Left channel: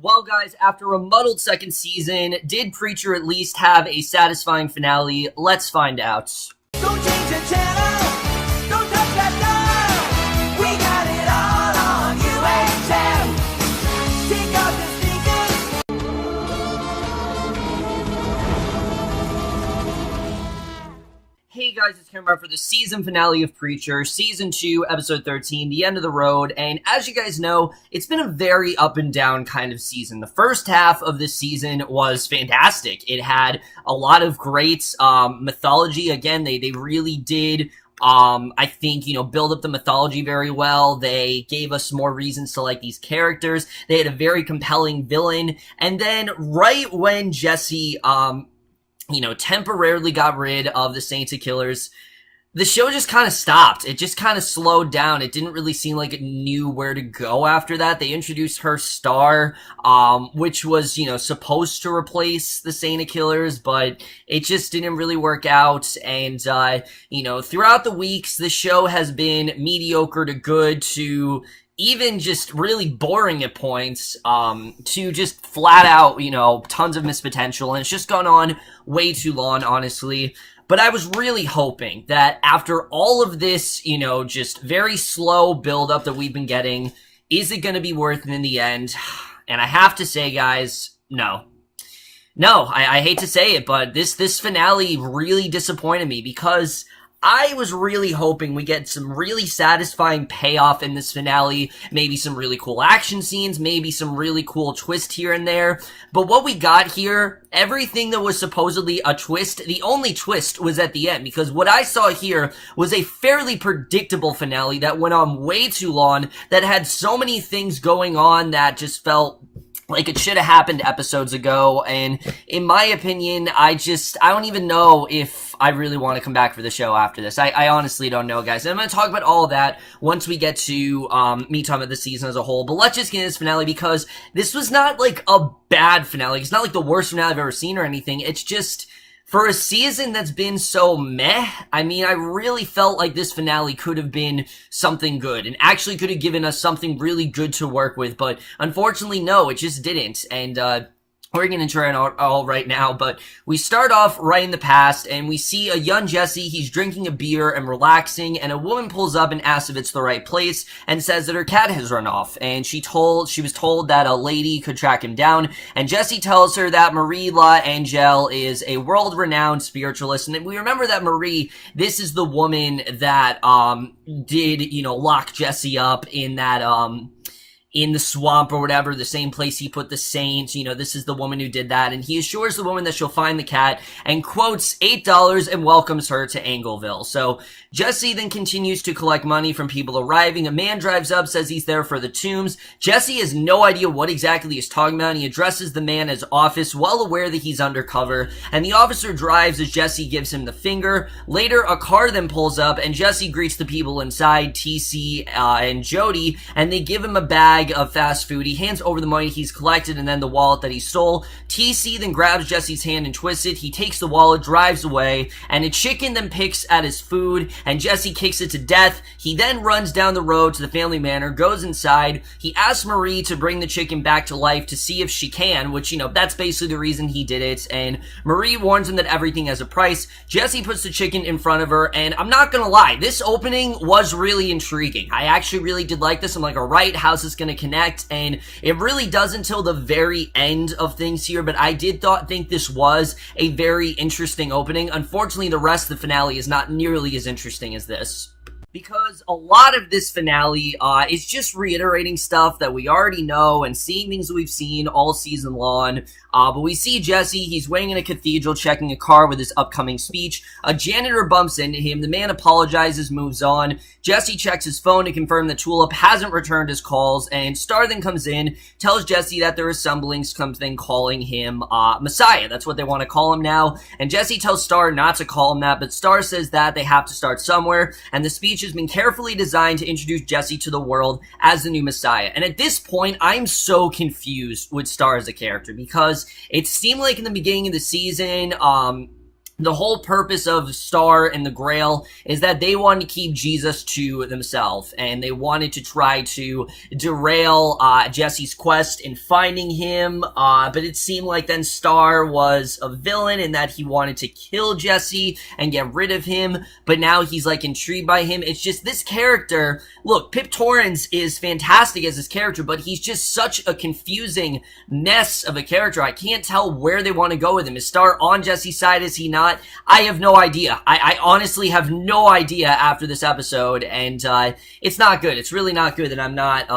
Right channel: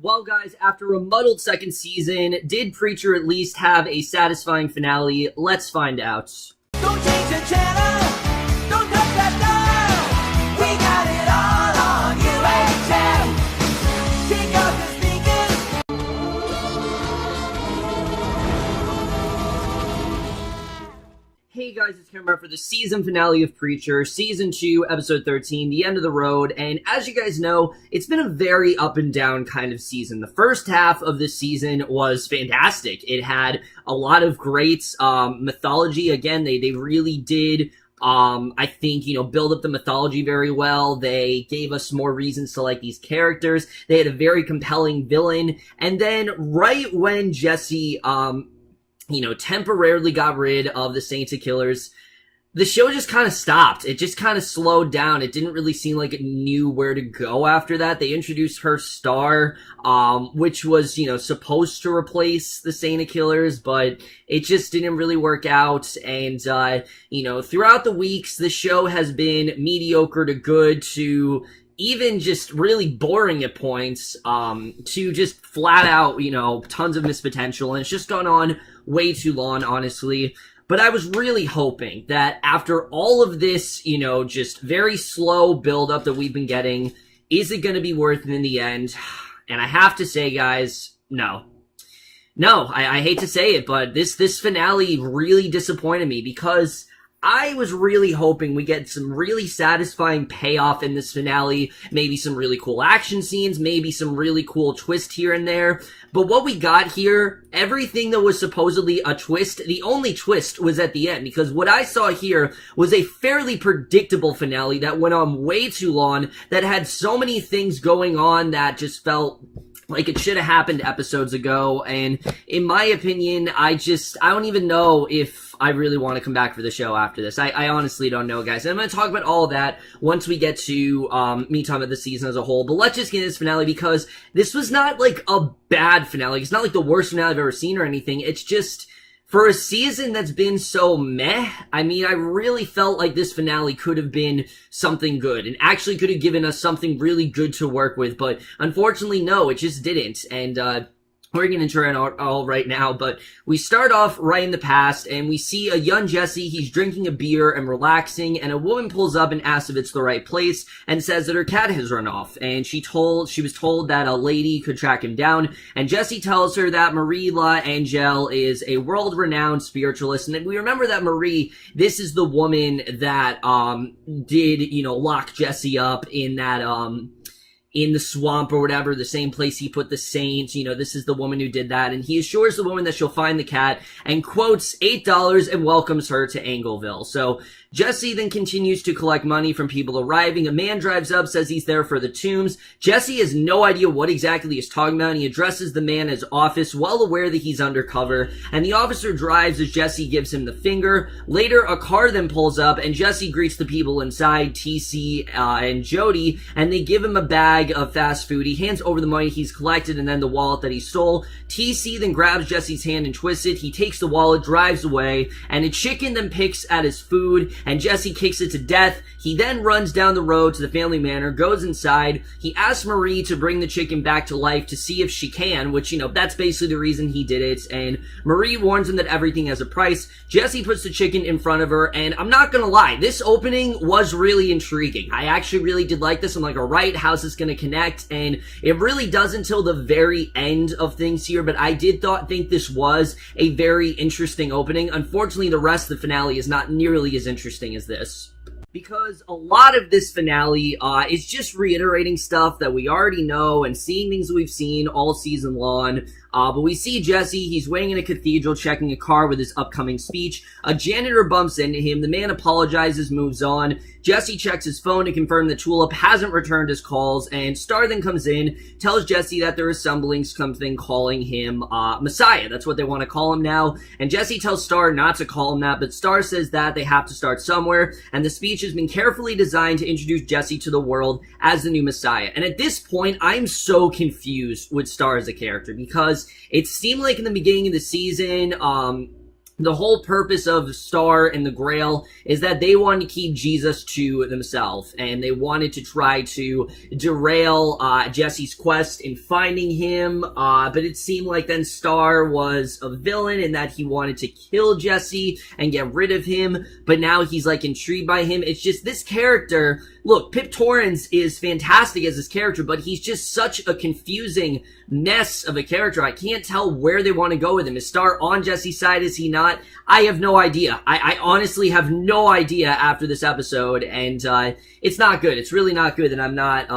Well, guys, after a muddled second season, did Preacher at least have a satisfying finale? Let's find out. Don't change the channel, don't touch that dial. We got it all on UHF. Take off your Hey guys, it's Cameron for the season finale of Preacher, Season 2, Episode 13, The End of the Road, and as you guys know, it's been a very up and down kind of season. The first half of this season was fantastic. It had a lot of great mythology. Again, they really did, I think, build up the mythology very well. They gave us more reasons to like these characters. They had a very compelling villain, and then right when Jesse, temporarily got rid of the Saints of Killers, the show just kind of stopped. It just kind of slowed down. It didn't really seem like it knew where to go after that. They introduced her Star, which was, supposed to replace the Saint of Killers, but it just didn't really work out. And, throughout the weeks, the show has been mediocre to good to even just really boring at points, to just flat out, tons of missed potential. And it's just gone on way too long, honestly. But I was really hoping that after all of this, just very slow build-up that we've been getting, is it going to be worth it in the end? And I have to say, guys, no. No, I hate to say it, but this finale really disappointed me because I was really hoping we get some really satisfying payoff in this finale, maybe some really cool action scenes, maybe some really cool twist here and there. But what we got here, everything that was supposedly a twist, the only twist was at the end, because what I saw here was a fairly predictable finale that went on way too long, that had so many things going on that just felt like it should have happened episodes ago. And in my opinion, I don't even know if I really want to come back for the show after this. I honestly don't know, guys. And I'm going to talk about all of that once we get to me talking about the season as a whole. But let's just get into this finale, because this was not like a bad finale. It's not like the worst finale I've ever seen or anything. It's just, for a season that's been so meh, I really felt like this finale could have been something good and actually could have given us something really good to work with. But unfortunately, no, it just didn't. And, we're going to intro it all right now, but we start off right in the past, and we see a young Jesse. He's drinking a beer and relaxing, and a woman pulls up and asks if it's the right place, and says that her cat has run off, and she was told that a lady could track him down, and Jesse tells her that Marie La Angel is a world-renowned spiritualist, and we remember that Marie, this is the woman that, did, lock Jesse up in that, in the swamp or whatever, the same place he put the Saints. This is the woman who did that, and he assures the woman that she'll find the cat and quotes $8 and welcomes her to Angleville. So Jesse then continues to collect money from people arriving. A man drives up, says he's there for the tombs. Jesse has no idea what exactly he's talking about, and he addresses the man as Office, well aware that he's undercover, and the officer drives as Jesse gives him the finger. Later, a car then pulls up, and Jesse greets the people inside, TC and Jody, and they give him a bag of fast food. He hands over the money he's collected and then the wallet that he stole. TC then grabs Jesse's hand and twists it. He takes the wallet, drives away, and a chicken then picks at his food, and Jesse kicks it to death. He then runs down the road to the family manor, goes inside. He asks Marie to bring the chicken back to life to see if she can, which, that's basically the reason he did it, and Marie warns him that everything has a price. Jesse puts the chicken in front of her, and I'm not gonna lie, this opening was really intriguing. I actually really did like this. I'm like, alright, how's this gonna connect? And it really does until the very end of things here, but I did think this was a very interesting opening. Unfortunately, the rest of the finale is not nearly as interesting as this, because a lot of this finale is just reiterating stuff that we already know and seeing things that we've seen all season long. But we see Jesse, he's waiting in a cathedral, checking a car with his upcoming speech. A janitor bumps into him. The man apologizes, moves on. Jesse checks his phone to confirm that Tulip hasn't returned his calls, and Star then comes in, tells Jesse that there is something calling him Messiah. That's what they want to call him now. And Jesse tells Star not to call him that, but Star says that they have to start somewhere, and the speech has been carefully designed to introduce Jesse to the world as the new Messiah. And at this point, I'm so confused with Star as a character, because it seemed like in the beginning of the season, the whole purpose of Star and the Grail is that they wanted to keep Jesus to themselves, and they wanted to try to derail Jesse's quest in finding him, but it seemed like then Star was a villain and that he wanted to kill Jesse and get rid of him, but now he's like intrigued by him. It's just this character, look, Pip Torrens is fantastic as his character, but he's just such a confusing mess of a character. I can't tell where they want to go with him. Is Star on Jesse's side? Is he not? I have no idea. I honestly have no idea after this episode, and it's not good. It's really not good, and I'm not,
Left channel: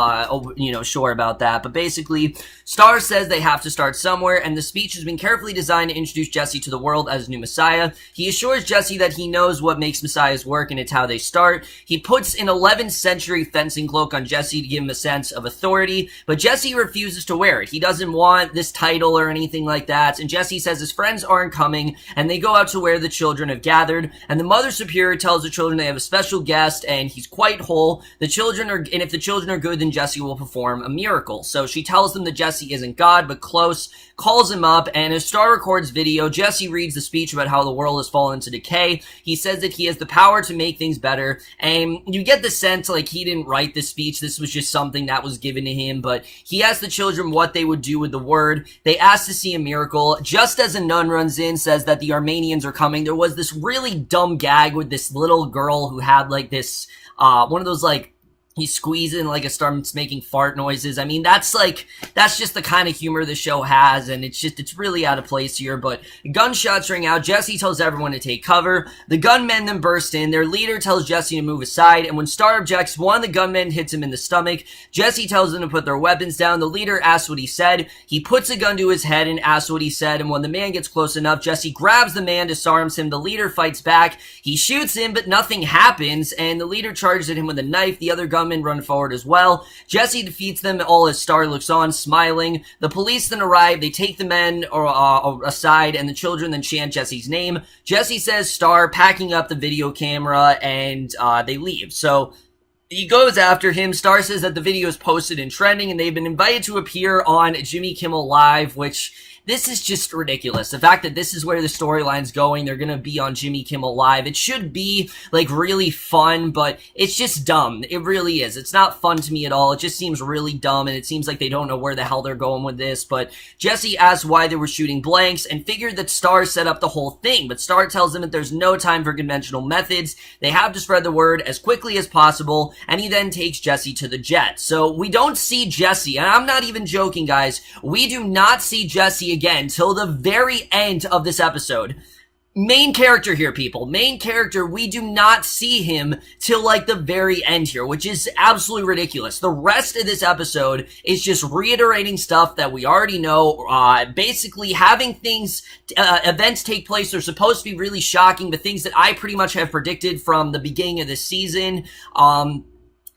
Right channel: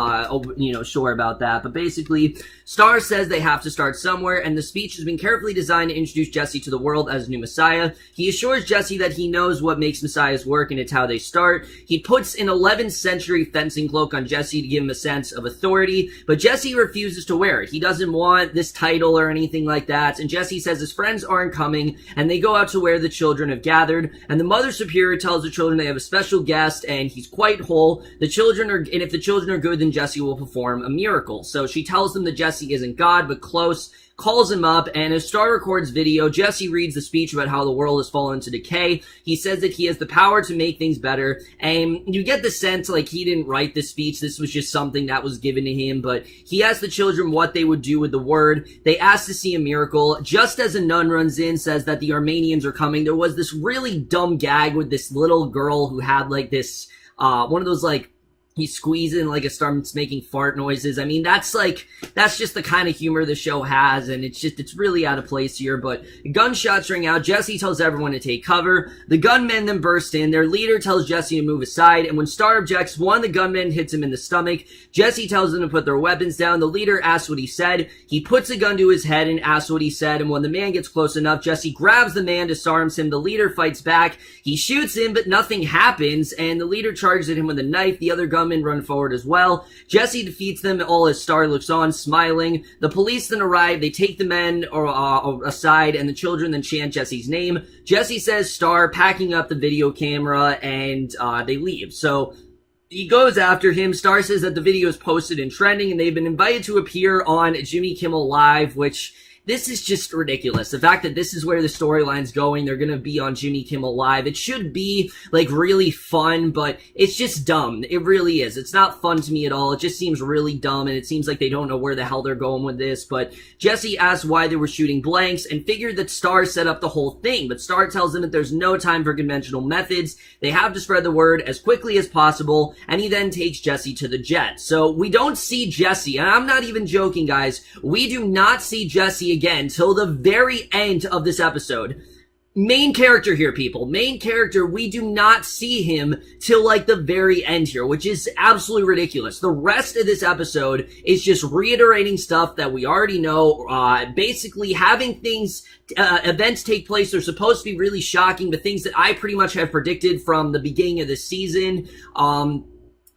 sure about that. But basically, Star says they have to start somewhere, and the speech has been carefully designed to introduce Jesse to the world as new Messiah. He assures Jesse that he knows what makes Messiahs work, and it's how they start. He puts an 11th century fencing cloak on Jesse to give him a sense of authority, but Jesse refuses to wear it. He doesn't want this title or anything like that, and Jesse says his friends aren't coming, and they go out to where the children have gathered, and the Mother Superior tells the children they have a special guest, and he's quite whole. And if the children are good, then Jesse will perform a miracle. So she tells them that Jesse isn't God, but close, calls him up, and as Star records video, Jesse reads the speech about how the world has fallen into decay. He says that he has the power to make things better, and you get the sense like he didn't write this speech. This was just something that was given to him, but he asked the children what they would do with the word. They asked to see a miracle. Just as a nun runs in, says that the Armenians are coming, there was this really dumb gag with this little girl who had like this, one of those like, he squeezes and like it starts making fart noises. I mean, that's just the kind of humor the show has, and it's really out of place here. But gunshots ring out. Jesse tells everyone to take cover. The gunmen then burst in. Their leader tells Jesse to move aside, and when Star objects, one of the gunmen hits him in the stomach. Jesse tells them to put their weapons down. The leader asks what he said. He puts a gun to his head and asks what he said, and when the man gets close enough, Jesse grabs the man, disarms him. The leader fights back. He shoots him, but nothing happens, and the leader charges at him with a knife. The other gunmen run forward as well. Jesse defeats them, all as Star looks on, smiling. The police then arrive. They take the men aside, and the children then chant Jesse's name. Jesse says Star, packing up the video camera, and they leave. So he goes after him. Star says that the video is posted and trending, and they've been invited to appear on Jimmy Kimmel Live, which this is just ridiculous. The fact that this is where the storyline's going, they're gonna be on Jimmy Kimmel Live. It should be, like, really fun, but it's just dumb. It really is. It's not fun to me at all. It just seems really dumb, and it seems like they don't know where the hell they're going with this. But Jesse asks why they were shooting blanks and figured that Star set up the whole thing. But Star tells them that there's no time for conventional methods. They have to spread the word as quickly as possible, and he then takes Jesse to the jet. So we don't see Jesse, and I'm not even joking, guys. We do not see Jesse again till the very end of this episode. Main character here, people. Main character, we do not see him till like the very end here, which is absolutely ridiculous. The rest of this episode is just reiterating stuff that we already know, basically having things, events take place. They're supposed to be really shocking, the things that I pretty much have predicted from the beginning of this season,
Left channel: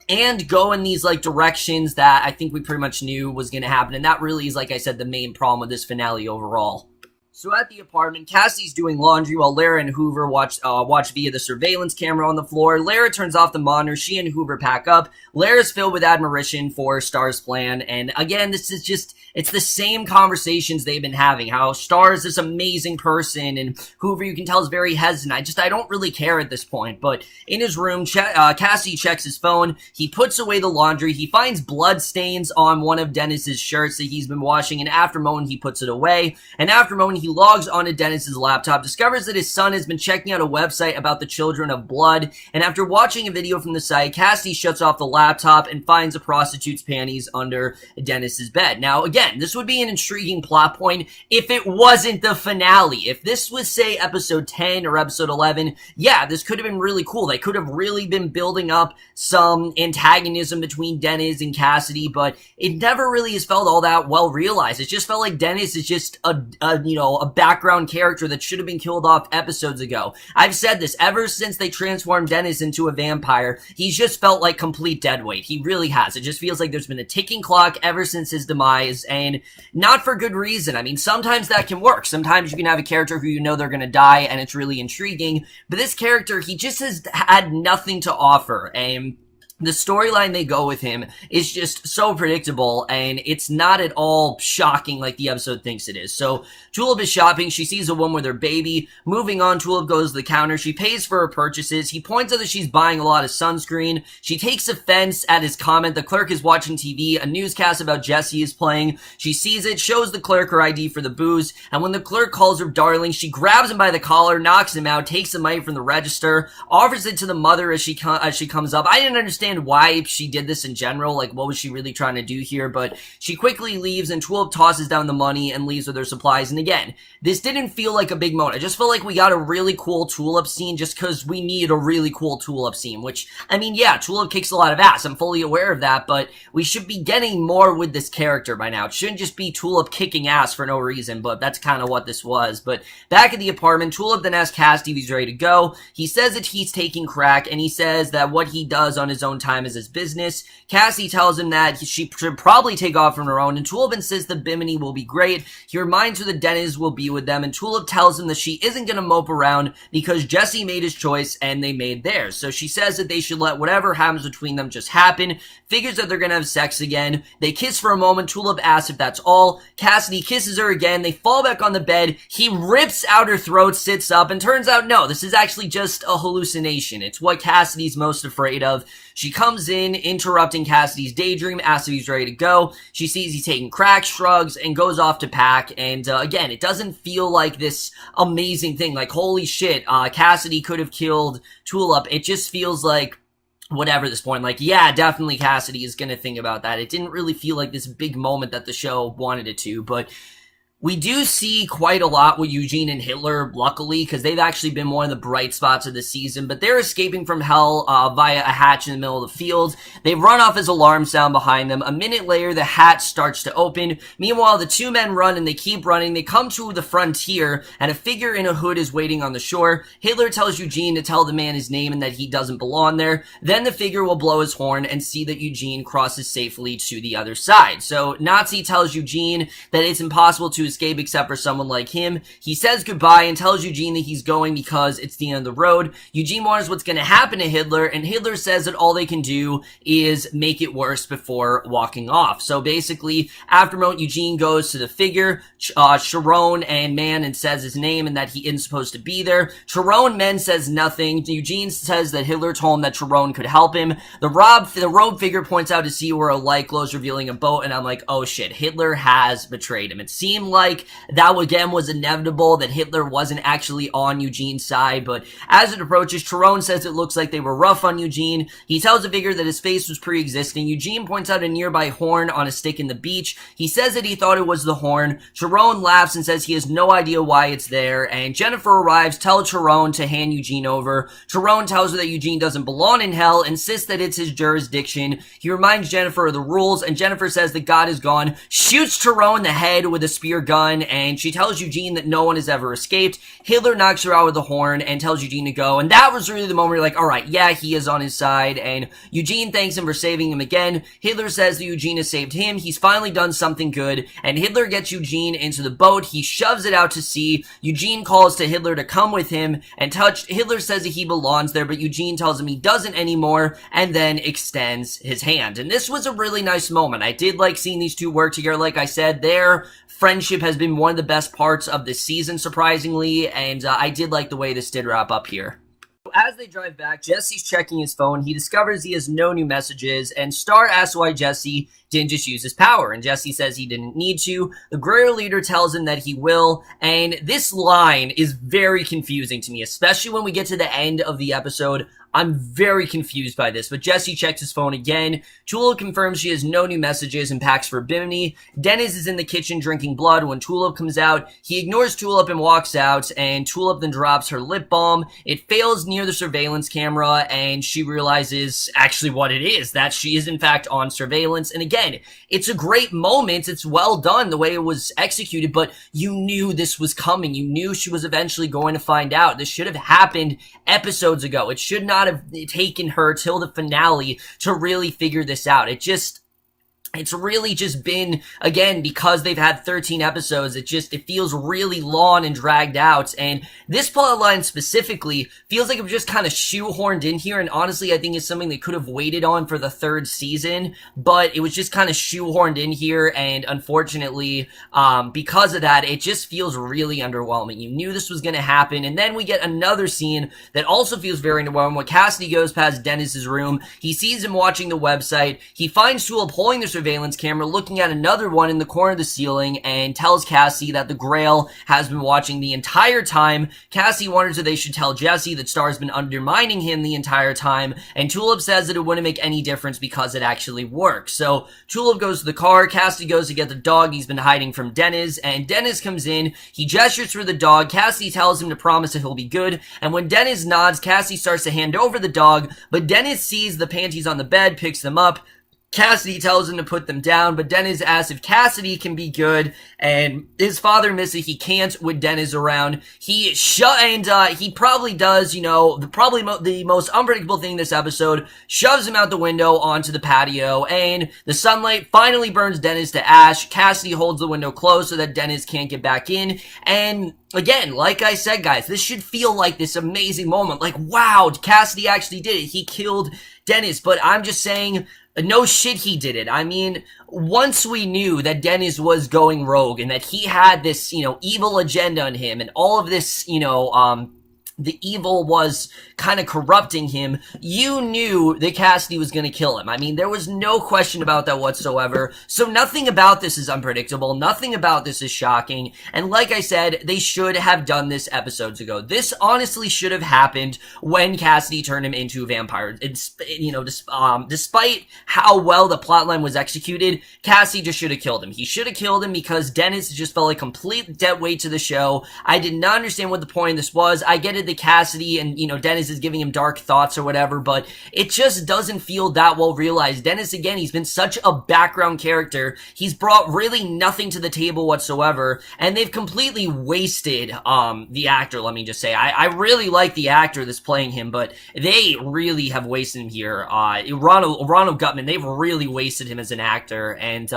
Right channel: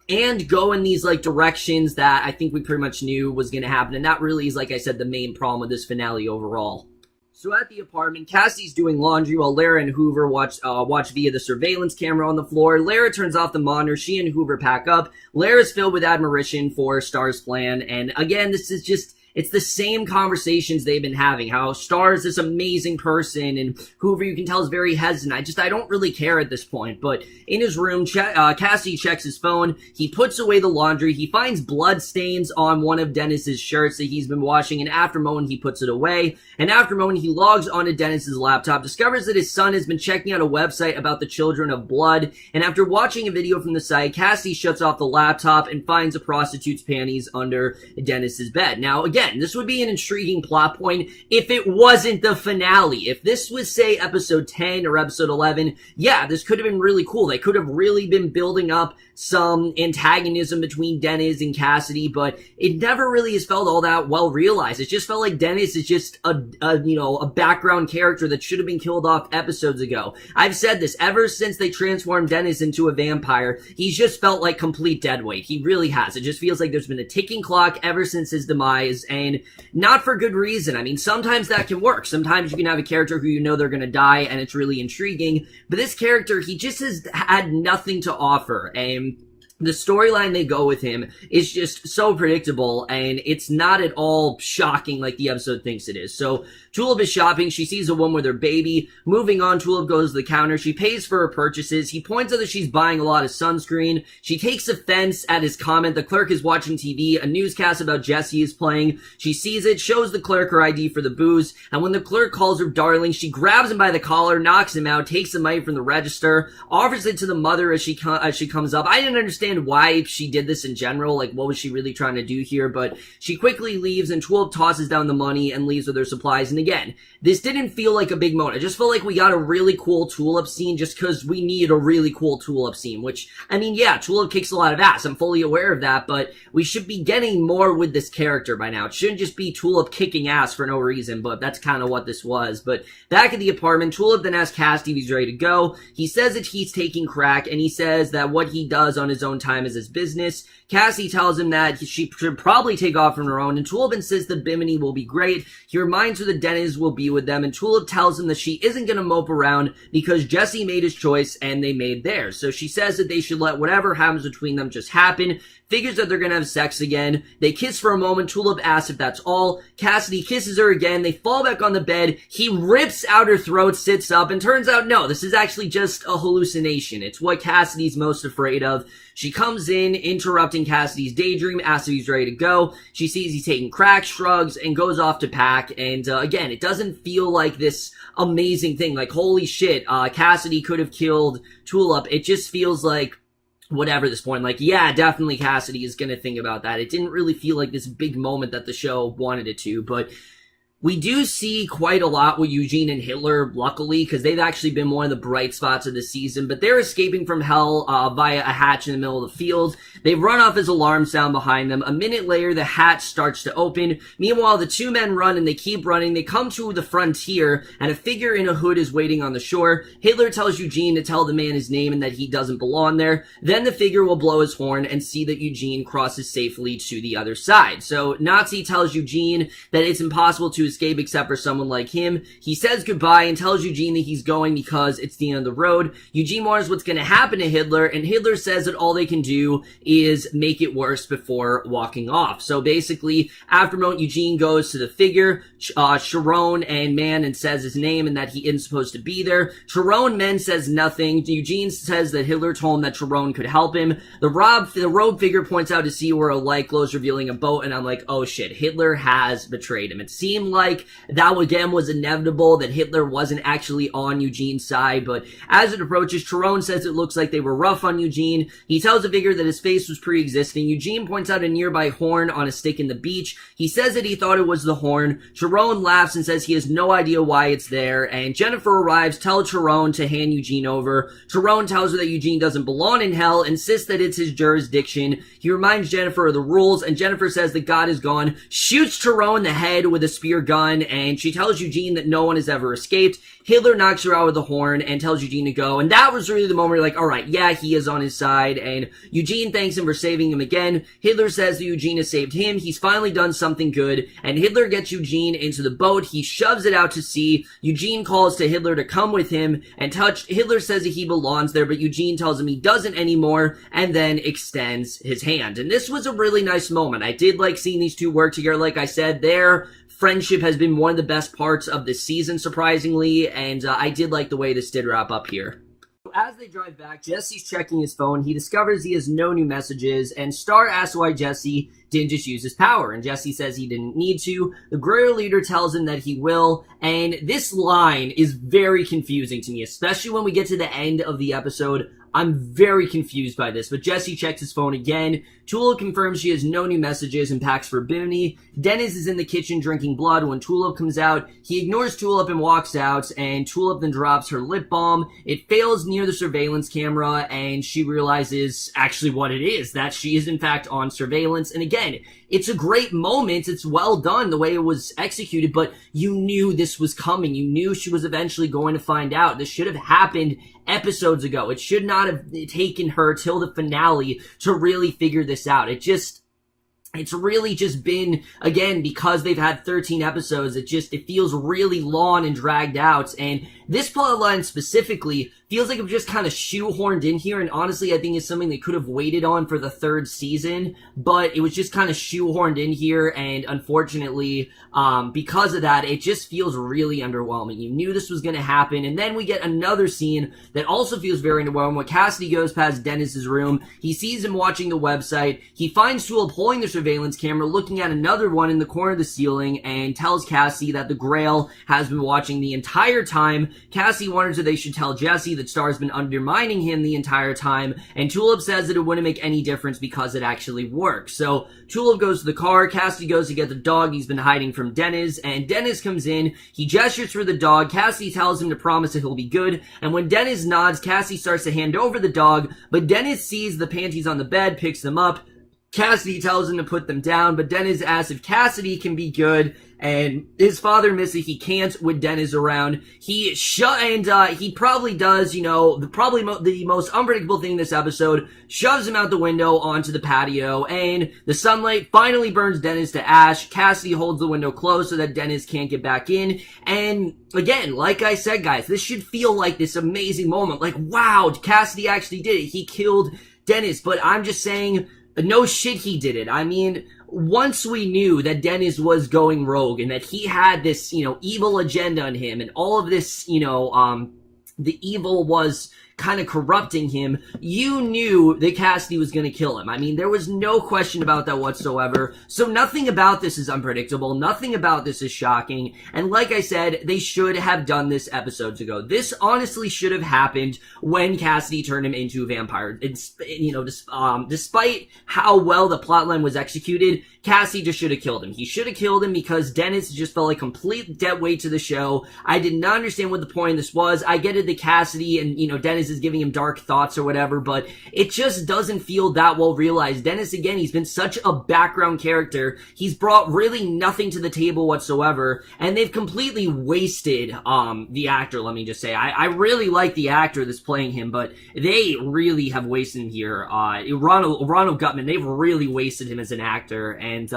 and go in these, like, directions that I think we pretty much knew was going to happen. And that really is, like I said, the main problem with this finale overall. So at the apartment, Cassie's doing laundry while Lara and Hoover watch via the surveillance camera on the floor. Lara turns off the monitor. She and Hoover pack up. Lara's filled with admiration for Star's plan. And again, this is just, it's the same conversations they've been having. How Star is this amazing person, and Hoover, you can tell, is very hesitant. I don't really care at this point. But in his room, Cassie checks his phone. He puts away the laundry. He finds blood stains on one of Dennis's shirts that he's been washing, and after a moment, he puts it away. And after a moment, he logs onto Dennis's laptop, discovers that his son has been checking out a website about the Children of Blood, and after watching a video from the site, Cassie shuts off the laptop and finds a prostitute's panties under Dennis's bed. Now, again, this would be an intriguing plot point if it wasn't the finale. If this was, say, episode 10 or episode 11, yeah, this could have been really cool. They could have really been building up some antagonism between Dennis and Cassidy, but it never really has felt all that well realized. It just felt like Dennis is just a background character that should have been killed off episodes ago. I've said this ever since they transformed Dennis into a vampire. He's just felt like complete deadweight. He really has. It just feels like there's been a ticking clock ever since his demise, and not for good reason. I mean, sometimes that can work. Sometimes you can have a character who you know they're going to die, and it's really intriguing. But this character, he just has had nothing to offer, and the storyline they go with him is just so predictable, and it's not at all shocking like the episode thinks it is. So Tulip is shopping. She sees a woman with her baby. Moving on, Tulip goes to the counter. She pays for her purchases. He points out that she's buying a lot of sunscreen. She takes offense at his comment. The clerk is watching TV. A newscast about Jesse is playing. She sees it, shows the clerk her ID for the booze, and when the clerk calls her darling, she grabs him by the collar, knocks him out, takes the money from the register, offers it to the mother as she comes up. I didn't understand why she did this in general, like what was she really trying to do here, but she quickly leaves and Tulip tosses down the money and leaves with her supplies. And again, this didn't feel like a big moment. I just felt like we got a really cool Tulip scene just because we need a really cool Tulip scene, which, I mean, yeah, Tulip kicks a lot of ass. I'm fully aware of that, but we should be getting more with this character by now. It shouldn't just be Tulip kicking ass for no reason, but that's kind of what this was. But back at the apartment, Tulip then asks Cassidy if he's ready to go. He says that he's taking crack, and he says that what he does on his own time is his business. Cassie tells him that she should probably take off on her own, and Tulip insists that Bimini will be great. He reminds her that Dennis will be with them, and Tulip tells him that she isn't going to mope around because Jesse made his choice and they made theirs. So she says that they should let whatever happens between them just happen. Figures that they're going to have sex again. They kiss for a moment. Tulip asks if that's all. Cassidy kisses her again. They fall back on the bed. He rips out her throat, sits up, and turns out, no, this is actually just a hallucination. It's what Cassidy's most afraid of. She comes in, interrupting Cassidy's daydream, asks if he's ready to go. She sees he's taking crack, shrugs, and goes off to pack. And again, it doesn't feel like this amazing thing. Like, holy shit, Cassidy could have killed Tulip. It just feels like whatever at this point. Like, yeah, definitely Cassidy is going to think about that. It didn't really feel like this big moment that the show wanted it to, but we do see quite a lot with Eugene and Hitler, luckily, because they've actually been one of the bright spots of the season, but they're escaping from hell via a hatch in the middle of the field. They run off as alarms sound behind them. A minute later, the hatch starts to open. Meanwhile, the two men run and they keep running. They come to the frontier, and a figure in a hood is waiting on the shore. Hitler tells Eugene to tell the man his name and that he doesn't belong there. Then the figure will blow his horn and see that Eugene crosses safely to the other side. So Nazi tells Eugene that it's impossible to escape except for someone like him. He says goodbye and tells Eugene that he's going because it's the end of the road. Eugene wonders what's going to happen to Hitler, and Hitler says that all they can do is make it worse before walking off. So basically, after a moment, Eugene goes to the figure, Sharon and Man, and says his name and that he isn't supposed to be there. Sharon Men says nothing. Eugene says that Hitler told him that Sharon could help him. The robe figure points out to see where a light glows, revealing a boat, and I'm like, oh shit, Hitler has betrayed him. It seemed like that again was inevitable, that Hitler wasn't actually on Eugene's side, but as it approaches, Sharon says it looks like they were rough on Eugene. He tells the figure that his face was pre-existing. Eugene points out a nearby horn on a stick in the beach. He says that he thought it was the horn. Sharon laughs and says he has no idea why it's there, and Jennifer arrives, tells Sharon to hand Eugene over. Sharon tells her that Eugene doesn't belong in hell, insists that it's his jurisdiction. He reminds Jennifer of the rules, and Jennifer says that God is gone, shoots Sharon in the head with a spear gun, and she tells Eugene that no one has ever escaped. Hitler knocks her out with the horn and tells Eugene to go, and that was really the moment where you're like, alright, yeah, he is on his side, and Eugene thanks him for saving him again. Hitler says that Eugene has saved him. He's finally done something good, and Hitler gets Eugene into the boat. He shoves it out to sea. Eugene calls to Hitler to come with him, and Hitler says that he belongs there, but Eugene tells him he doesn't anymore, and then extends his hand. And this was a really nice moment. I did like seeing these two work together. Like I said, their friendship has been one of the best parts of this season, surprisingly, and I did like the way this did wrap up here. As they drive back, Jesse's checking his phone. He discovers he has no new messages, and Star asks why Jesse didn't just use his power, and Jesse says he didn't need to. The Guerrero leader tells him that he will, and this line is very confusing to me, especially when we get to the end of the episode. I'm very confused by this, but Jesse checks his phone again. Tulip confirms she has no new messages and packs for Bimini. Dennis is in the kitchen drinking blood when Tulip comes out. He ignores Tulip and walks out, and Tulip then drops her lip balm. It fails near the surveillance camera, and she realizes actually what it is, that she is in fact on surveillance. And again, it's a great moment. It's well done the way it was executed, but you knew this was coming. You knew she was eventually going to find out. This should have happened episodes ago. It should not have taken her till the finale to really figure this out. it's really just been, again, because they've had 13 episodes, it feels really long and dragged out. And this plotline specifically feels like it was just kind of shoehorned in here. And honestly, I think it's something they could have waited on for the third season, but it was just kind of shoehorned in here. And unfortunately, because of that, it just feels really underwhelming. You knew this was going to happen. And then we get another scene that also feels very underwhelming. When Cassidy goes past Dennis's room, he sees him watching the website. He finds Tool pulling the surveillance camera, looking at another one in the corner of the ceiling, and tells Cassie that the Grail has been watching the entire time. Cassie wonders if they should tell Jesse that Star's been undermining him the entire time, and Tulip says that it wouldn't make any difference because it actually works. So Tulip goes to the car, Cassie goes to get the dog he's been hiding from Dennis, and Dennis comes in, he gestures for the dog, Cassie tells him to promise that he'll be good, and when Dennis nods, Cassie starts to hand over the dog, but Dennis sees the panties on the bed, picks them up. Cassidy tells him to put them down, but Dennis asks if Cassidy can be good, and his father admits he can't with Dennis around. He probably does, the most unpredictable thing in this episode, shoves him out the window onto the patio, and the sunlight finally burns Dennis to ash. Cassidy holds the window closed so that Dennis can't get back in, and again, like I said, guys, this should feel like this amazing moment, like, wow, Cassidy actually did it, he killed Dennis, but I'm just saying, no shit, he did it. I mean, once we knew that Dennis was going rogue and that he had this, evil agenda on him and all of this, the evil was kind of corrupting him, you knew that Cassidy was going to kill him. I mean, there was no question about that whatsoever. So nothing about this is unpredictable. Nothing about this is shocking. And like I said, they should have done this episodes ago. This honestly should have happened when Cassidy turned him into a vampire. It's, despite how well the plotline was executed, Cassidy just should have killed him. He should have killed him because Dennis just felt like complete dead weight to the show. I did not understand what the point of this was. I get it that Cassidy and, Dennis is giving him dark thoughts or whatever, but it just doesn't feel that well realized. Dennis, again, he's been such a background character. He's brought really nothing to the table whatsoever, and they've completely wasted the actor, let me just say. I really like the actor that's playing him, but they really have wasted him here. Ronald Gutman, they've really wasted him as an actor, and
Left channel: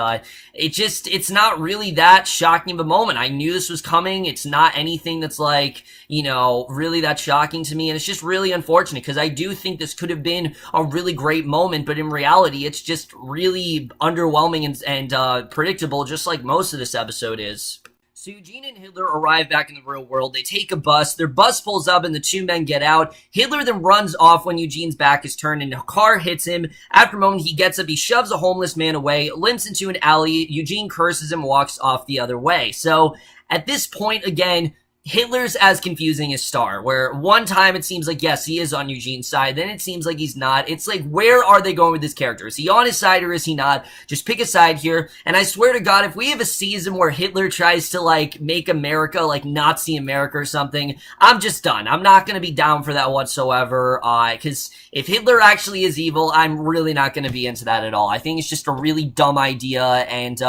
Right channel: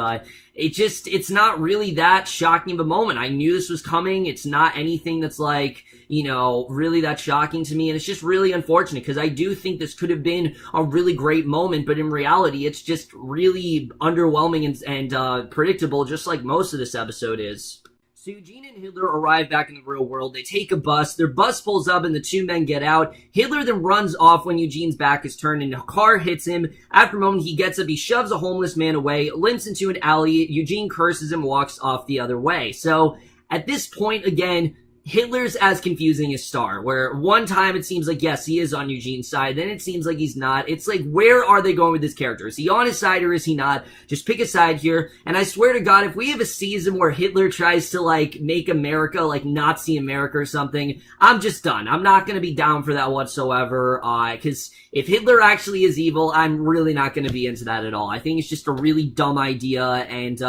it's not really that shocking of a moment. I knew this was coming. It's not anything that's like, really that shocking to me, and it's just really unfortunate because I do think this could have been a really great moment, but in reality, it's just really underwhelming and predictable, just like most of this episode is. So Eugene and Hitler arrive back in the real world. They take a bus. Their bus pulls up and the two men get out. Hitler then runs off when Eugene's back is turned and a car hits him. After a moment, he gets up. He shoves a homeless man away, limps into an alley. Eugene curses him, walks off the other way. So at this point, again, Hitler's as confusing as Star, where one time it seems like, yes, he is on Eugene's side, then it seems like he's not. It's like, where are they going with this character? Is he on his side or is he not? Just pick a side here. And I swear to God, if we have a season where Hitler tries to, make America, Nazi America or something, I'm just done. I'm not gonna be down for that whatsoever, because if Hitler actually is evil, I'm really not gonna be into that at all. I think it's just a really dumb idea, and,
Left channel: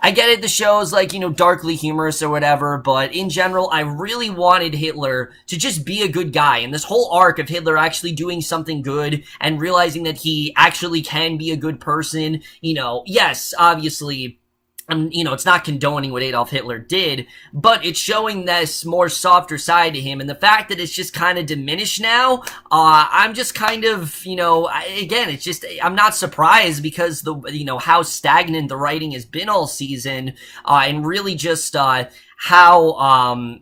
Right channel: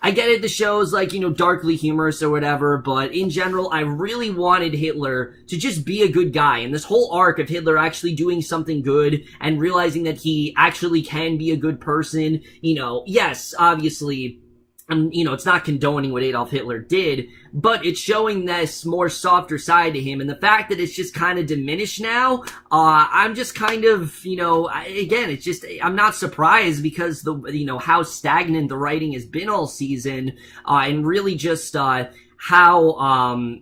I get it, the show's darkly humorous or whatever, but in general, I really wanted Hitler to just be a good guy, and this whole arc of Hitler actually doing something good and realizing that he actually can be a good person, yes, obviously, it's not condoning what Adolf Hitler did, but it's showing this more softer side to him, and the fact that it's just kind of diminished now, I'm just kind of, again, it's just, I'm not surprised because how stagnant the writing has been all season, and really just, how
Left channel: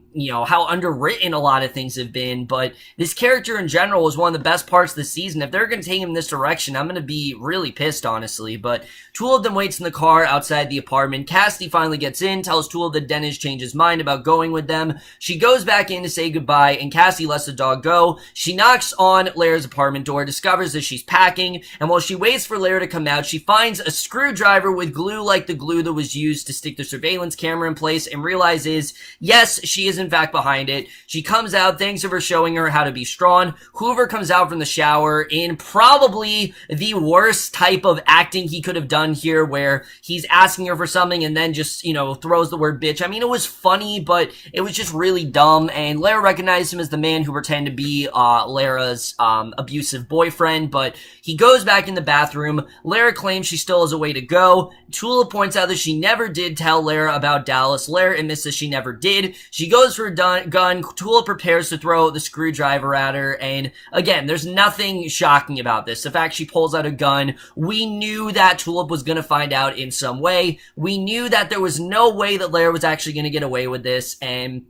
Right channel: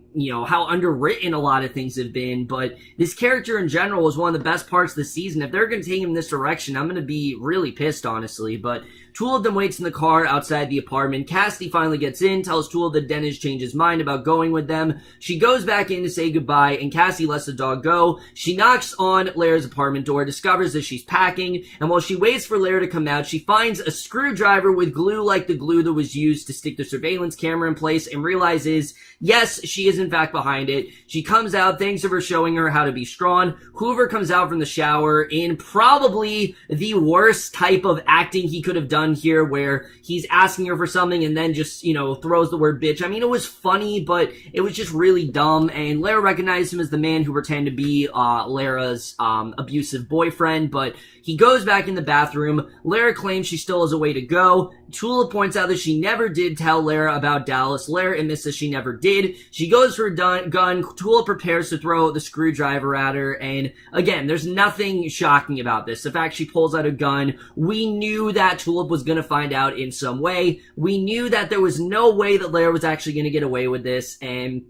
underwritten a lot of things have been, but this character in general was one of the best parts of the season. If they're going to take him this direction, I'm going to be really pissed, honestly, but Tool of them waits in the car outside the apartment. Cassidy finally gets in, tells Tool that Dennis changed his mind about going with them. She goes back in to say goodbye, and Cassie lets the dog go. She knocks on Lara's apartment door, discovers that she's packing, and while she waits for Lara to come out, she finds a screwdriver with glue like the glue that was used to stick the surveillance camera in place, and realizes, yes, she is in fact behind it. She comes out, thanks for showing her how to be strong. Hoover comes out from the shower in probably the worst type of acting he could have done here, where he's asking her for something and then just, throws the word bitch. I mean, it was funny, but it was just really dumb, and Lara recognized him as the man who pretended to be Lara's abusive boyfriend, but He goes back in the bathroom. Lara claims she still has a way to go. Tulip points out that she never did tell Lara about Dallas. Lara admits that she never did. She goes for a gun. Tulip prepares to throw the screwdriver at her, and again, there's nothing shocking about this. The fact she pulls out a gun, we knew that Tulip was gonna find out in some way. We knew that there was no way that Lara was actually gonna get away with this, and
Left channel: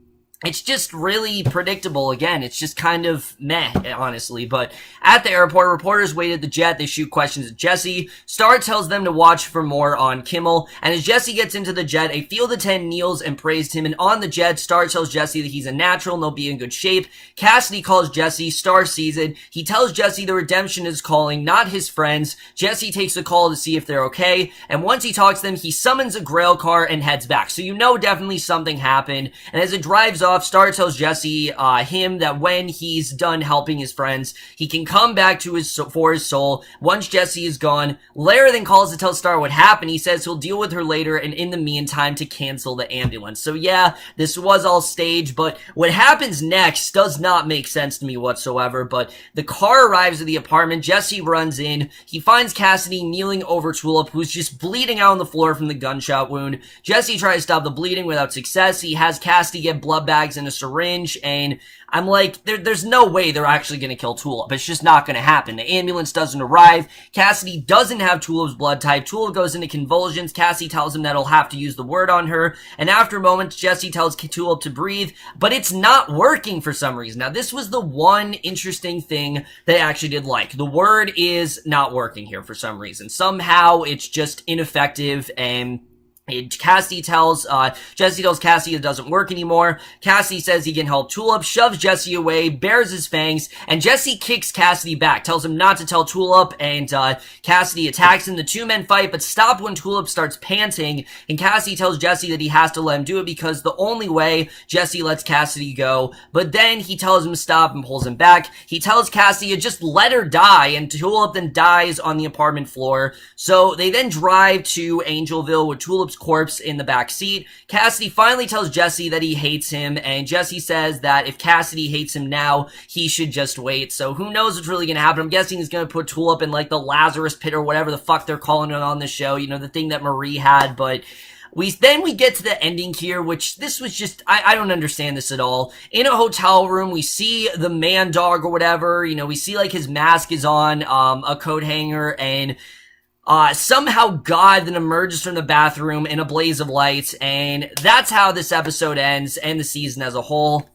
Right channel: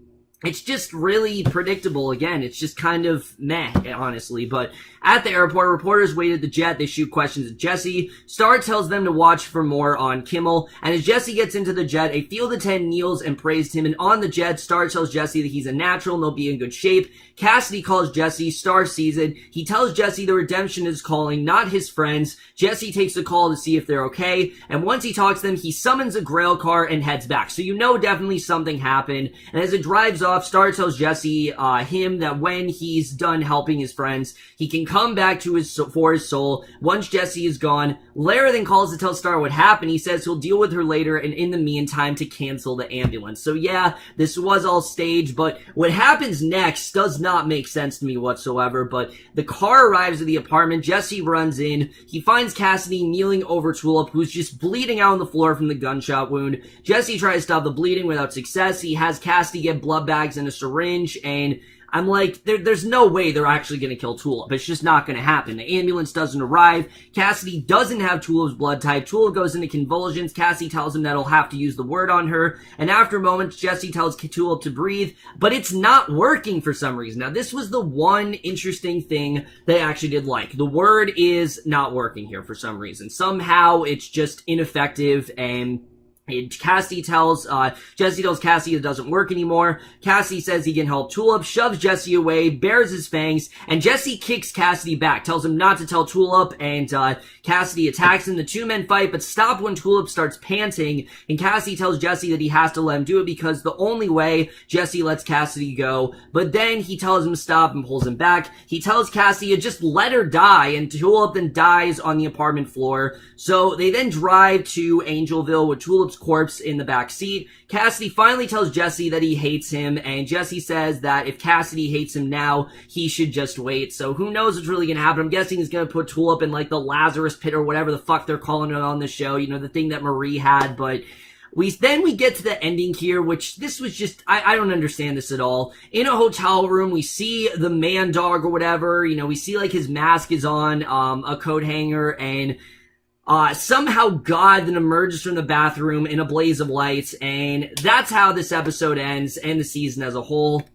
it's just really predictable. Again, it's just kind of meh, honestly. But at the airport, reporters wait at the jet. They shoot questions at Jesse. Star tells them to watch for more on Kimmel. And as Jesse gets into the jet, a field of 10 kneels and praised him. And on the jet, Star tells Jesse that he's a natural and they'll be in good shape. Cassidy calls Jesse. Star sees it. He tells Jesse the redemption is calling, not his friends. Jesse takes the call to see if they're okay. And once he talks to them, he summons a grail car and heads back. So you know definitely something happened. And as it drives off, Star tells Jesse, him that when he's done helping his friends, he can come back to for his soul. Once Jesse is gone, Lara then calls to tell Star what happened. He says he'll deal with her later, and in the meantime to cancel the ambulance. So yeah, this was all staged, but what happens next does not make sense to me whatsoever. But the car arrives at the apartment. Jesse runs in. He finds Cassidy kneeling over Tulip, who's just bleeding out on the floor from the gunshot wound. Jesse tries to stop the bleeding without success. He has Cassidy get blood bags in a syringe, and I'm like, there's no way they're actually gonna kill Tulip. It's just not gonna happen. The ambulance doesn't arrive. Cassidy doesn't have Tulip's blood type. Tulip goes into convulsions. Cassidy tells him that he'll have to use the word on her, and after a moment, Jesse tells Tulip to breathe, but it's not working for some reason. Now, this was the one interesting thing that I actually did like. The word is not working here for some reason. Somehow, it's just ineffective, and Jesse tells Cassidy it doesn't work anymore. Cassidy says he can help Tulip, shoves Jesse away, bares his fangs, and Jesse kicks Cassidy back, tells him not to tell Tulip, and Cassidy attacks him. The two men fight, but stop when Tulip starts panting, and Cassidy tells Jesse that he has to let him do it because the only way Jesse lets Cassidy go, but then he tells him to stop and pulls him back. He tells Cassidy to just let her die, and Tulip then dies on the apartment floor. So they then drive to Angelville with Tulip's corpse in the back seat. Cassidy finally tells Jesse that he hates him, and Jesse says that if Cassidy hates him now, he should just wait. So who knows what's really gonna happen. I'm guessing he's gonna put Tulip in like the Lazarus pit or whatever the fuck they're calling it on the show, you know, the thing that Marie had. But we get to the ending here, which this was just, I don't understand this at all. In a hotel room, we see the man dog or whatever, you know, we see like his mask is on a coat hanger, and somehow God then emerges from the bathroom in a blaze of lights, and that's how this episode ends, and the season as a whole.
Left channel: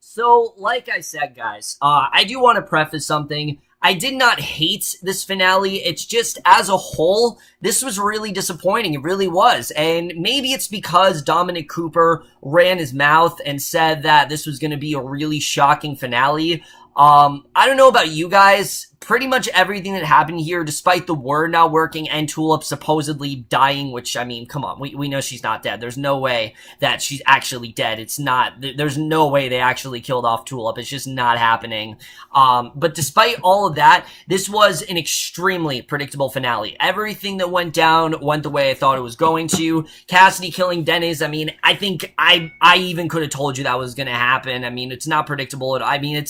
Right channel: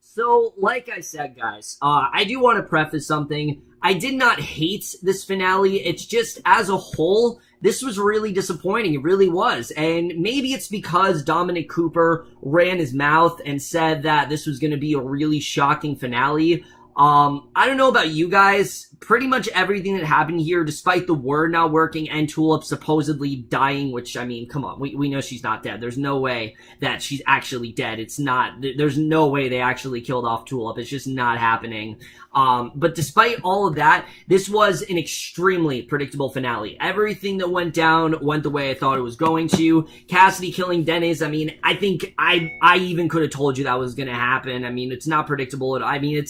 So, like I said, guys, I do want to preface something. I did not hate this finale. It's just, as a whole, this was really disappointing. It really was. And maybe it's because Dominic Cooper ran his mouth and said that this was going to be a really shocking finale. I don't know about you guys. Pretty much everything that happened here, despite the word not working and Tulip supposedly dying, which, I mean, come on, we know she's not dead. There's no way that she's actually dead. It's not, there's no way they actually killed off Tulip. It's just not happening. But despite all of that, this was an extremely predictable finale. Everything that went down went the way I thought it was going to. Cassidy killing Dennis, I mean, I think I even could have told you that was gonna happen. I mean, it's not predictable. I mean,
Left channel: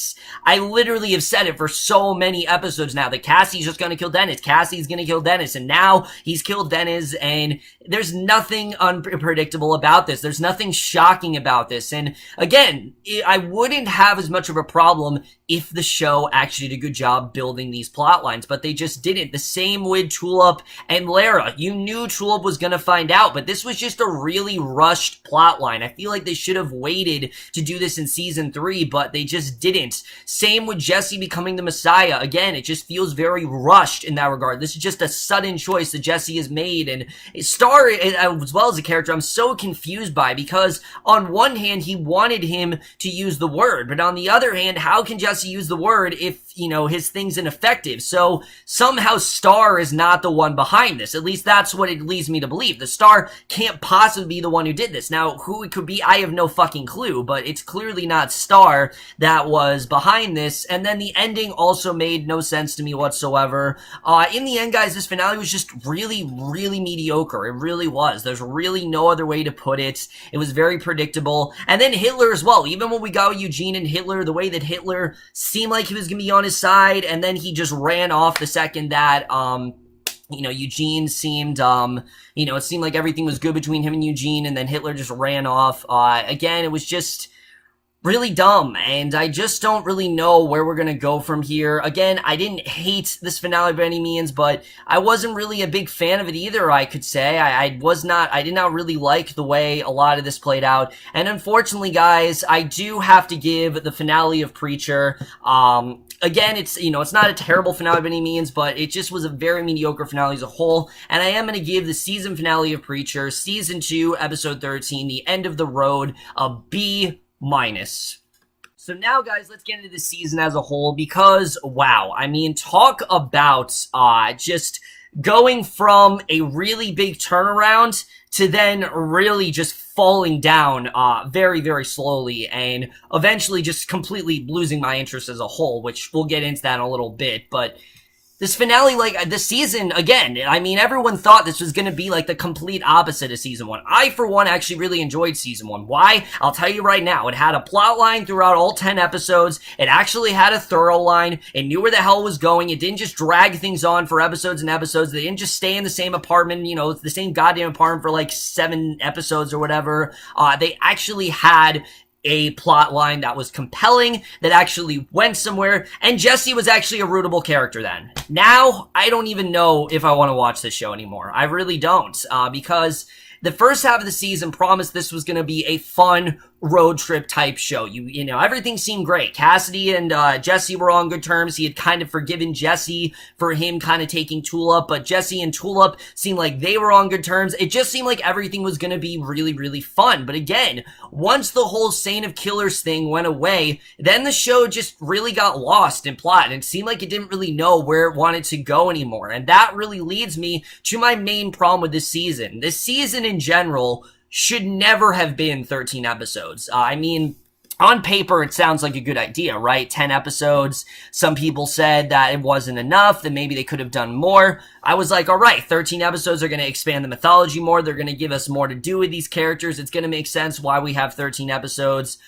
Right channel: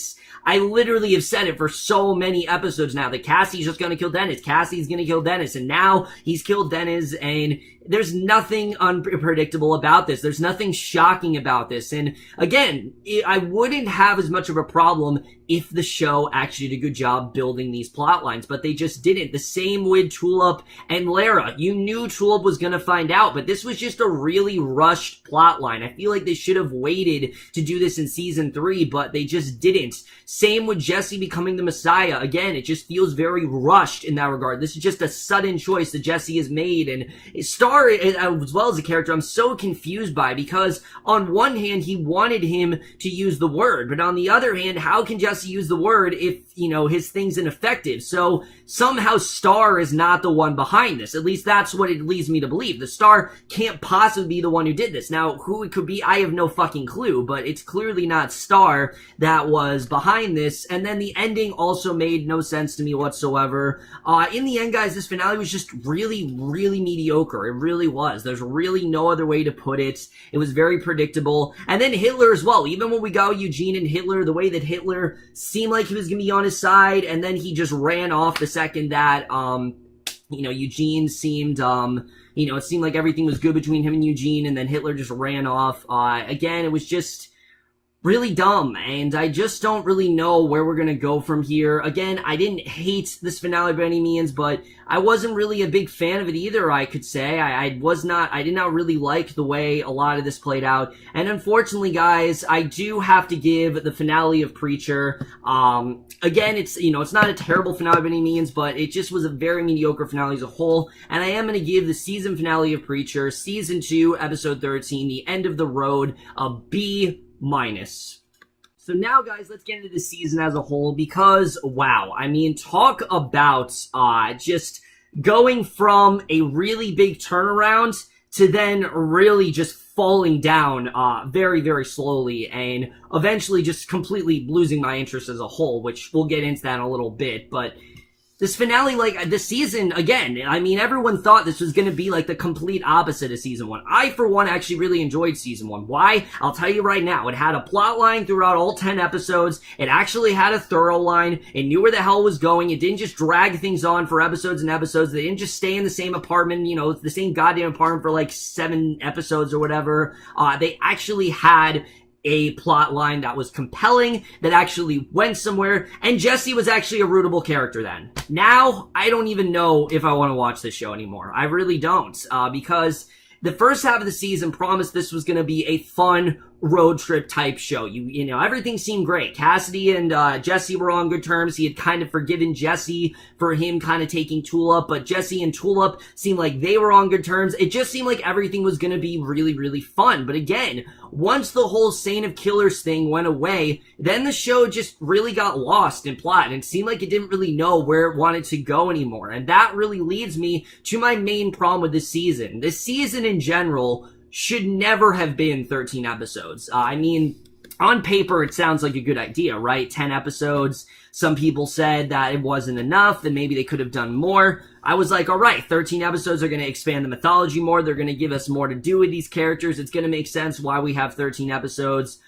I literally have said it for so many episodes now that Cassie's just gonna kill Dennis. Cassie's gonna kill Dennis, and now he's killed Dennis, and there's nothing unpredictable about this. There's nothing shocking about this. And again, I wouldn't have as much of a problem if the show actually did a good job building these plot lines, but they just didn't. The same with Tulip and Lara. You knew Tulip was gonna find out, but this was just a really rushed plot line. I feel like they should have waited to do this in season 3, but they just didn't. Same with Jesse becoming the Messiah. Again, it just feels very rushed in that regard. This is just a sudden choice that Jesse has made, and Star, as well as a character, I'm so confused by, because on one hand, he wanted him to use the word, but on the other hand, how can Jesse use the word if, you know, his thing's ineffective? So somehow Star is not the one behind this. At least that's what it leads me to believe. The Star can't possibly be the one who did this. Now, who it could be, I have no fucking clue, but it's clearly not Star that was behind this. And then the ending also made no no sense to me whatsoever. In the end, guys, this finale was just really, really mediocre. It really was. There's really no other way to put it. It was very predictable. And then Hitler as well. Even when we got Eugene and Hitler, the way that Hitler seemed like he was going to be on his side, and then he just ran off the second that, Eugene seemed, it seemed like everything was good between him and Eugene, and then Hitler just ran off. Again, it was just really dumb, and I just don't really know where we're gonna go from here. Again, I didn't hate this finale by any means, but I wasn't really a big fan of it either, I could say. I did not really like the way a lot of this played out, and unfortunately, guys, I do have to give the finale of Preacher, again, it's not a terrible finale by any means, but it just was a very mediocre finale as a whole, and I am gonna give the season finale of Preacher, Season 2, Episode 13, The End of the Road, a B-. So now, guys, let's get into the season as a whole, because, wow, I mean, talk about just going from a really big turnaround to then really just falling down very, very slowly, and eventually just completely losing my interest as a whole, which we'll get into that in a little bit. But this finale, this season, again, I mean, everyone thought this was going to be like the complete opposite of Season 1. I, for one, actually really enjoyed Season 1. Why? I'll tell you right now. It had a plot line throughout all 10 episodes. It actually had a thorough line. It knew where the hell it was going. It didn't just drag things on for episodes and episodes. They didn't just stay in the same apartment, the same goddamn apartment for like 7 episodes or whatever. They actually had a plot line that was compelling, that actually went somewhere, and Jesse was actually a rootable character then. Now, I don't even know if I want to watch this show anymore. I really don't, because the first half of the season promised this was going to be a fun road trip type show. Everything seemed great. Cassidy and Jesse were on good terms. He had kind of forgiven Jesse for him kind of taking Tulip, but Jesse and Tulip seemed like they were on good terms. It just seemed like everything was going to be really, really fun. But again, once the whole Saint of Killers thing went away, then the show just really got lost in plot, and it seemed like it didn't really know where it wanted to go anymore. And that really leads me to my main problem with this season. This season in general should never have been 13 episodes. I mean, on paper, it sounds like a good idea, right? 10 episodes. Some people said that it wasn't enough, that maybe they could have done more. I was like, all right, 13 episodes are going to expand the mythology more. They're going to give us more to do with these characters. It's going to make sense why we have 13 episodes.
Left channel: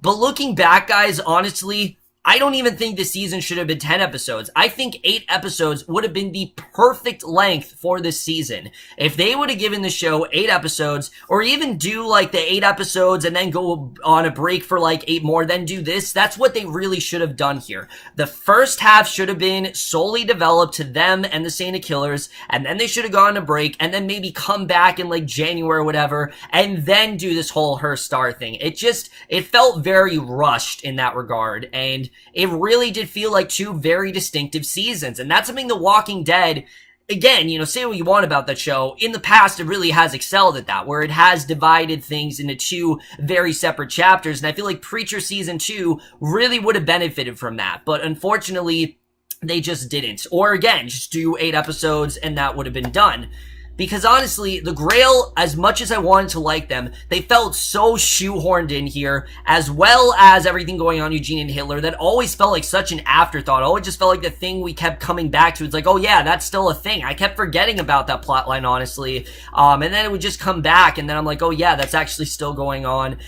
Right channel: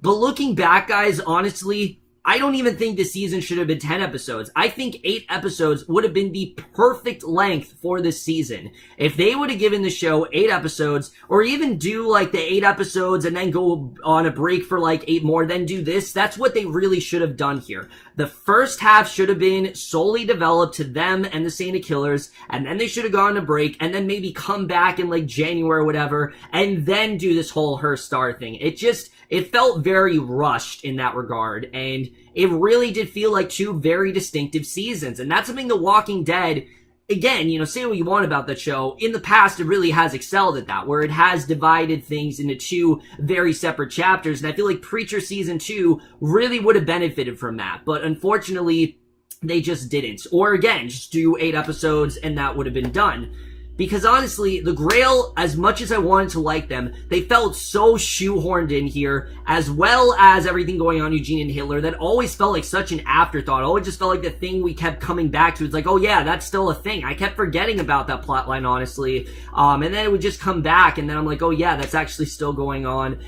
But looking back, guys, honestly, I don't even think this season should have been 10 episodes. I think 8 episodes would have been the perfect length for this season. If they would have given the show 8 episodes, or even do like the 8 episodes and then go on a break for like 8 more, then do this, that's what they really should have done here. The first half should have been solely developed to them and the Saint of Killers, and then they should have gone on a break, and then maybe come back in like January or whatever, and then do this whole Her Star thing. It felt very rushed in that regard, and it really did feel like 2 very distinctive seasons. And that's something The Walking Dead, again, say what you want about that show, in the past it really has excelled at that, where it has divided things into 2 very separate chapters. And I feel like Preacher Season 2 really would have benefited from that. But unfortunately, they just didn't. Or again, just do 8 episodes and that would have been done. Because honestly, the Grail, as much as I wanted to like them, they felt so shoehorned in here, as well as everything going on Eugene and Hitler, that always felt like such an afterthought. Always just felt like the thing we kept coming back to. It's like, oh yeah, that's still a thing. I kept forgetting about that plotline, honestly. And then it would just come back, and then I'm like, oh yeah, that's actually still going on.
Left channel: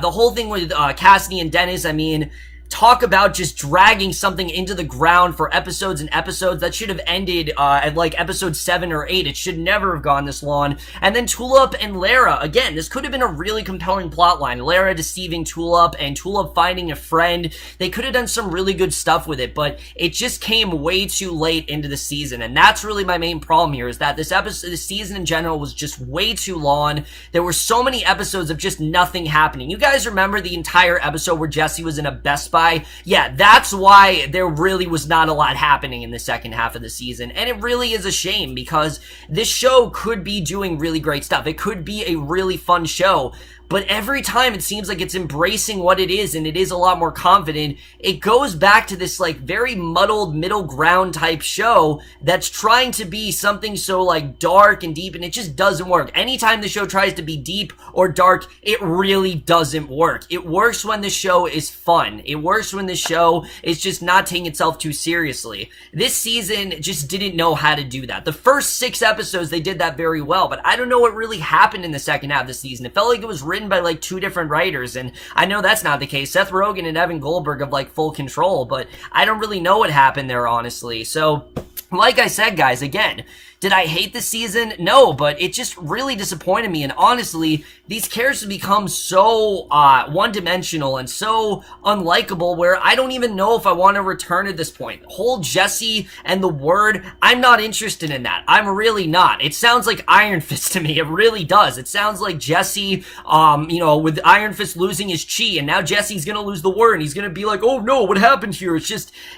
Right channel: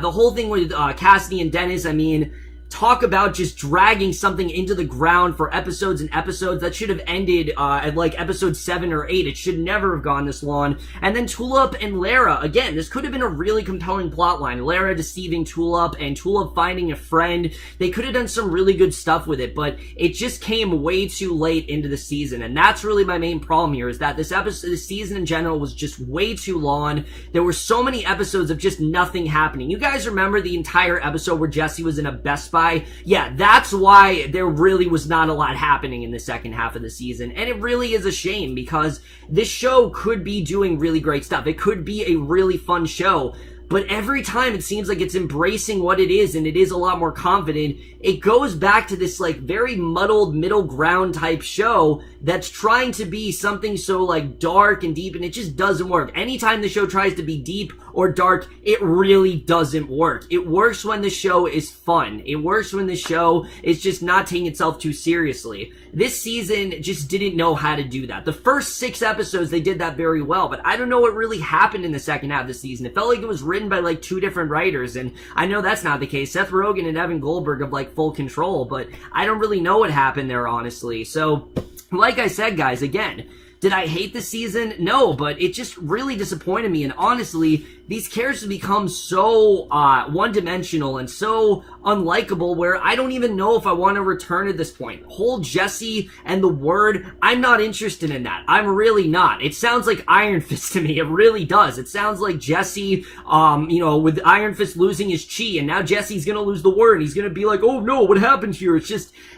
The whole thing with Cassidy and Dennis, I mean, talk about just dragging something into the ground for episodes and episodes. That should have ended at like episode 7 or 8. It should never have gone this long. And then Tulip and Lara, again, this could have been a really compelling plotline. Lara deceiving Tulip and Tulip finding a friend. They could have done some really good stuff with it, but it just came way too late into the season. And that's really my main problem here, is that this season in general was just way too long. There were so many episodes of just nothing happening. You guys remember the entire episode where Jesse was in a Best Buy? Yeah, that's why there really was not a lot happening in the second half of the season. And it really is a shame, because this show could be doing really great stuff. It could be a really fun show. but every time it seems like it's embracing what it is, and it is a lot more confident. It goes back to this like very muddled middle ground type show that's trying to be something so like dark and deep, and it just doesn't work. Anytime the show tries to be deep or dark, it really doesn't work. It works when the show is fun. It works when the show is just not taking itself too seriously. This season just didn't know how to do that. The first 6 episodes, they did that very well, but I don't know what really happened in the second half of the season. It felt like it was written by like 2 different writers, and I know that's not the case. Seth Rogen and Evan Goldberg have like full control, but I don't really know what happened there, honestly. So, like I said, guys, again, did I hate the season? No, but it just really disappointed me, and honestly, these characters become so one-dimensional and so unlikable where I don't even know if I want to return at this point. Whole Jesse and the Word, I'm not interested in that. I'm really not. It sounds like Iron Fist to me. It really does. It sounds like Jesse, with Iron Fist losing his chi, and now Jesse's gonna lose the Word, and he's gonna be like, oh no, what happened here?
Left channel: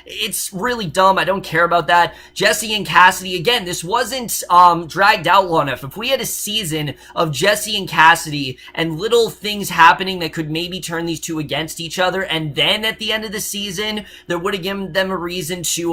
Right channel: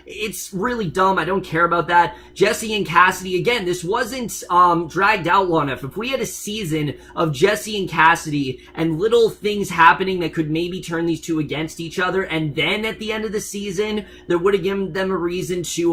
It's really dumb. I don't care about that. Jesse and Cassidy, again, this wasn't dragged out long enough. If we had a season of Jesse and Cassidy and little things happening that could maybe turn these two against each other, and then at the end of the season, that would have given them a reason to,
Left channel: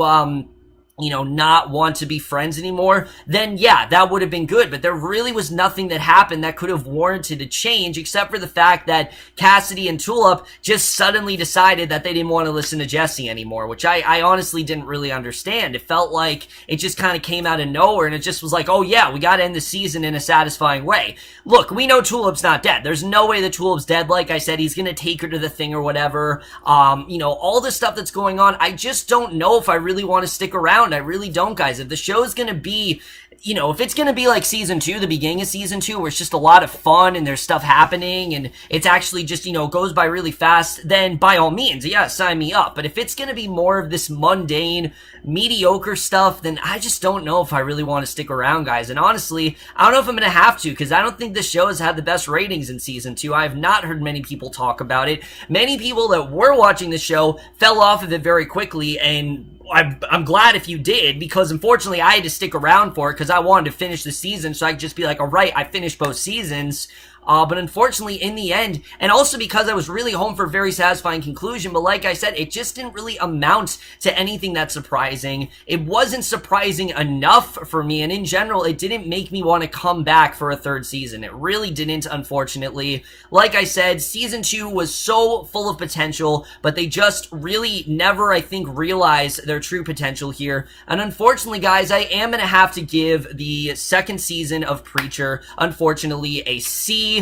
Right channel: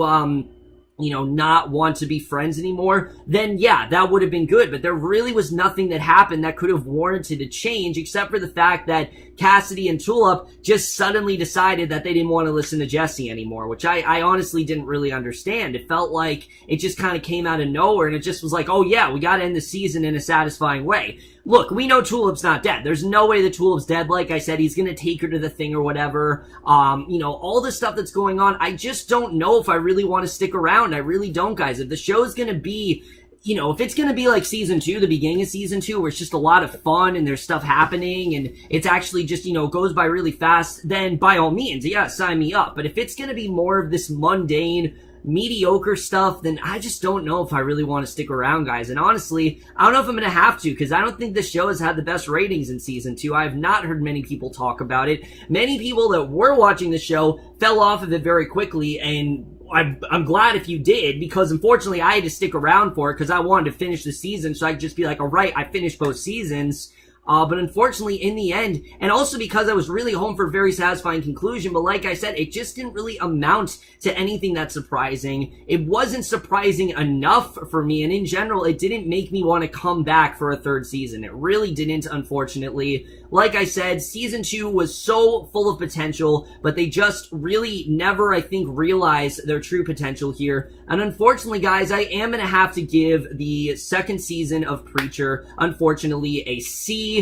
not want to be friends anymore, then yeah, that would have been good. But there really was nothing that happened that could have warranted a change, except for the fact that Cassidy and Tulip just suddenly decided that they didn't want to listen to Jesse anymore, which I honestly didn't really understand. It felt like it just kind of came out of nowhere, and it just was like, oh yeah, we gotta end the season in a satisfying way. Look, we know Tulip's not dead. There's no way that Tulip's dead. Like I said, he's gonna take her to the thing or whatever. All the stuff that's going on, I just don't know if I really want to stick around. I really don't, guys. If the show's gonna be, if it's gonna be like season 2, the beginning of season 2, where it's just a lot of fun and there's stuff happening and it's actually just, goes by really fast, then by all means, yeah, sign me up. But if it's gonna be more of this mundane, mediocre stuff, then I just don't know if I really want to stick around, guys. And honestly, I don't know if I'm gonna have to, because I don't think this show has had the best ratings in season 2. I have not heard many people talk about it. Many people that were watching the show fell off of it very quickly, and I'm glad if you did, because unfortunately I had to stick around for it because I wanted to finish the season so I could just be like, all right, I finished both seasons. But unfortunately, in the end, and also because I was really home for a very satisfying conclusion, but like I said, it just didn't really amount to anything that surprising. It wasn't surprising enough for me, and in general, it didn't make me want to come back for a 3rd season. It really didn't, unfortunately. Like I said, season 2 was so full of potential, but they just really never, I think, realized their true potential here. And unfortunately, guys, I am going to have to give the 2nd season of Preacher, unfortunately, a C+.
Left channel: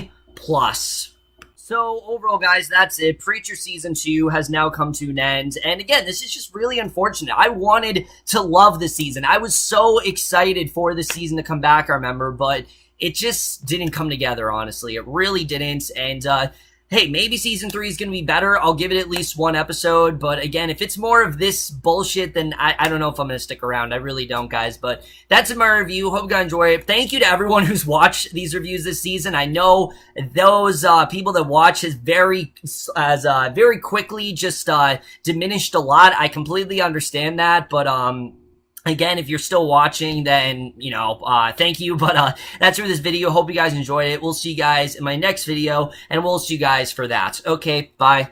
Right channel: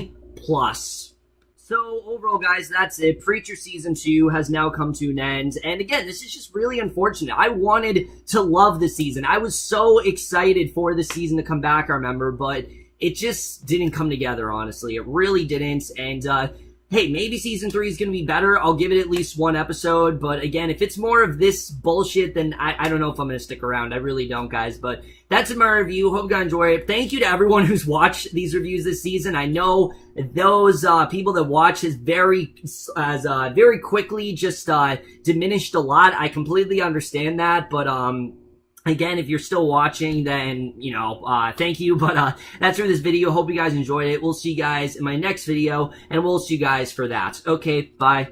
So overall, guys, that's it. Preacher season 2 has now come to an end. And again, this is just really unfortunate. I wanted to love the season. I was so excited for the season to come back, I remember, but it just didn't come together, honestly. It really didn't. And, hey, maybe season 3 is going to be better. I'll give it at least 1 episode. But again, if it's more of this bullshit, then I don't know if I'm going to stick around. I really don't, guys. But that's my review. Hope you guys enjoy it. Thank you to everyone who's watched these reviews this season. I know those people that watch has very quickly just diminished a lot. I completely understand that. But again, if you're still watching, then, thank you. But that's for this video. Hope you guys enjoyed it. We'll see you guys in my next video, and we'll see you guys for that. Okay, bye.